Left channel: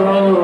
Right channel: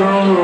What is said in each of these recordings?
Roll.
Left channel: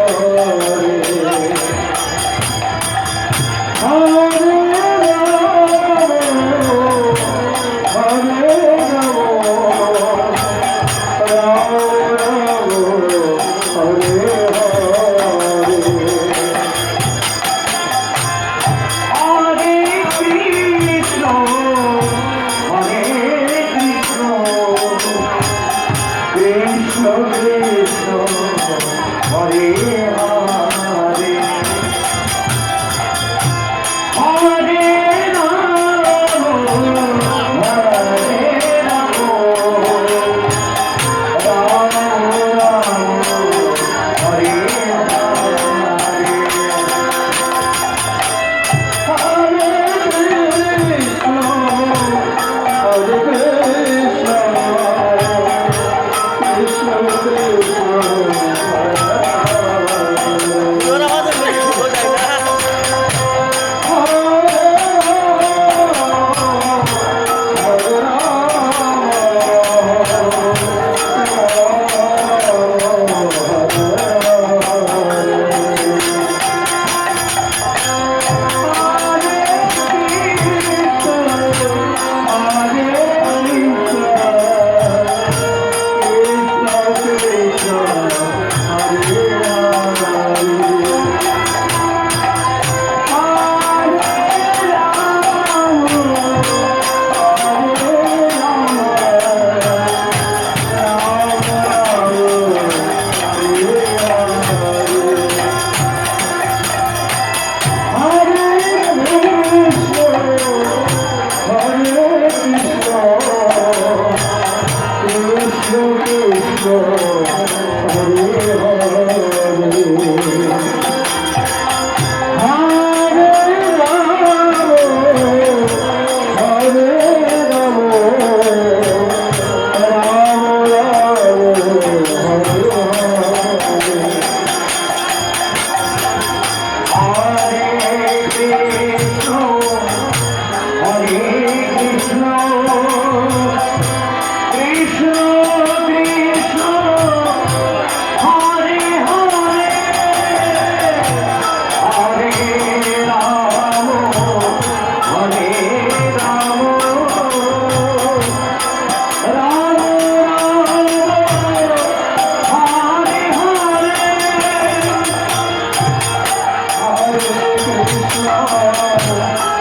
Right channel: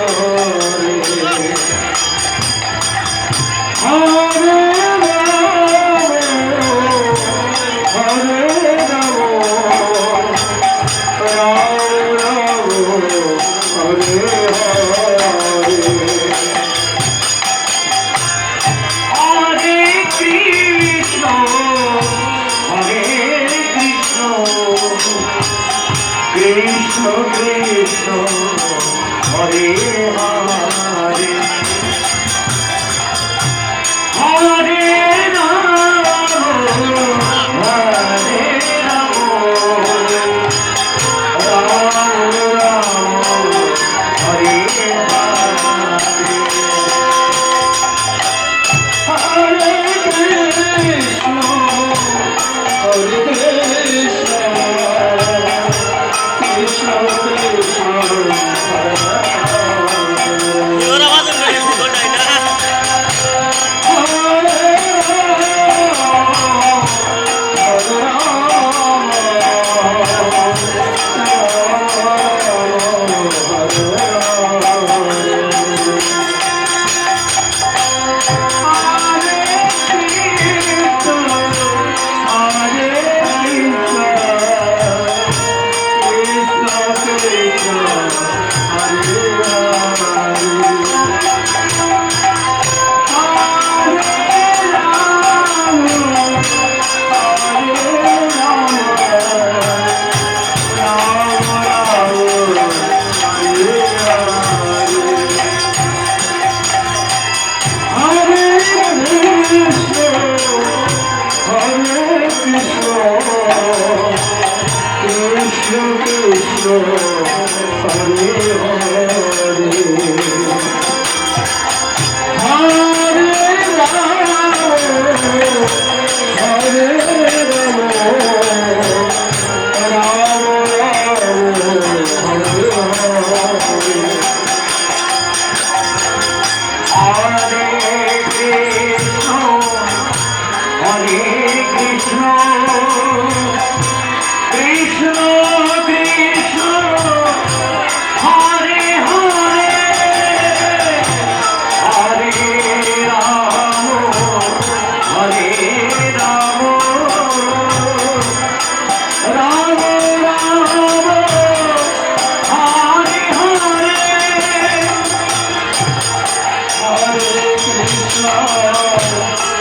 Krishna Hare Hare.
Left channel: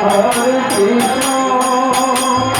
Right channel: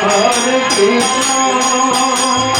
Hare Krishna.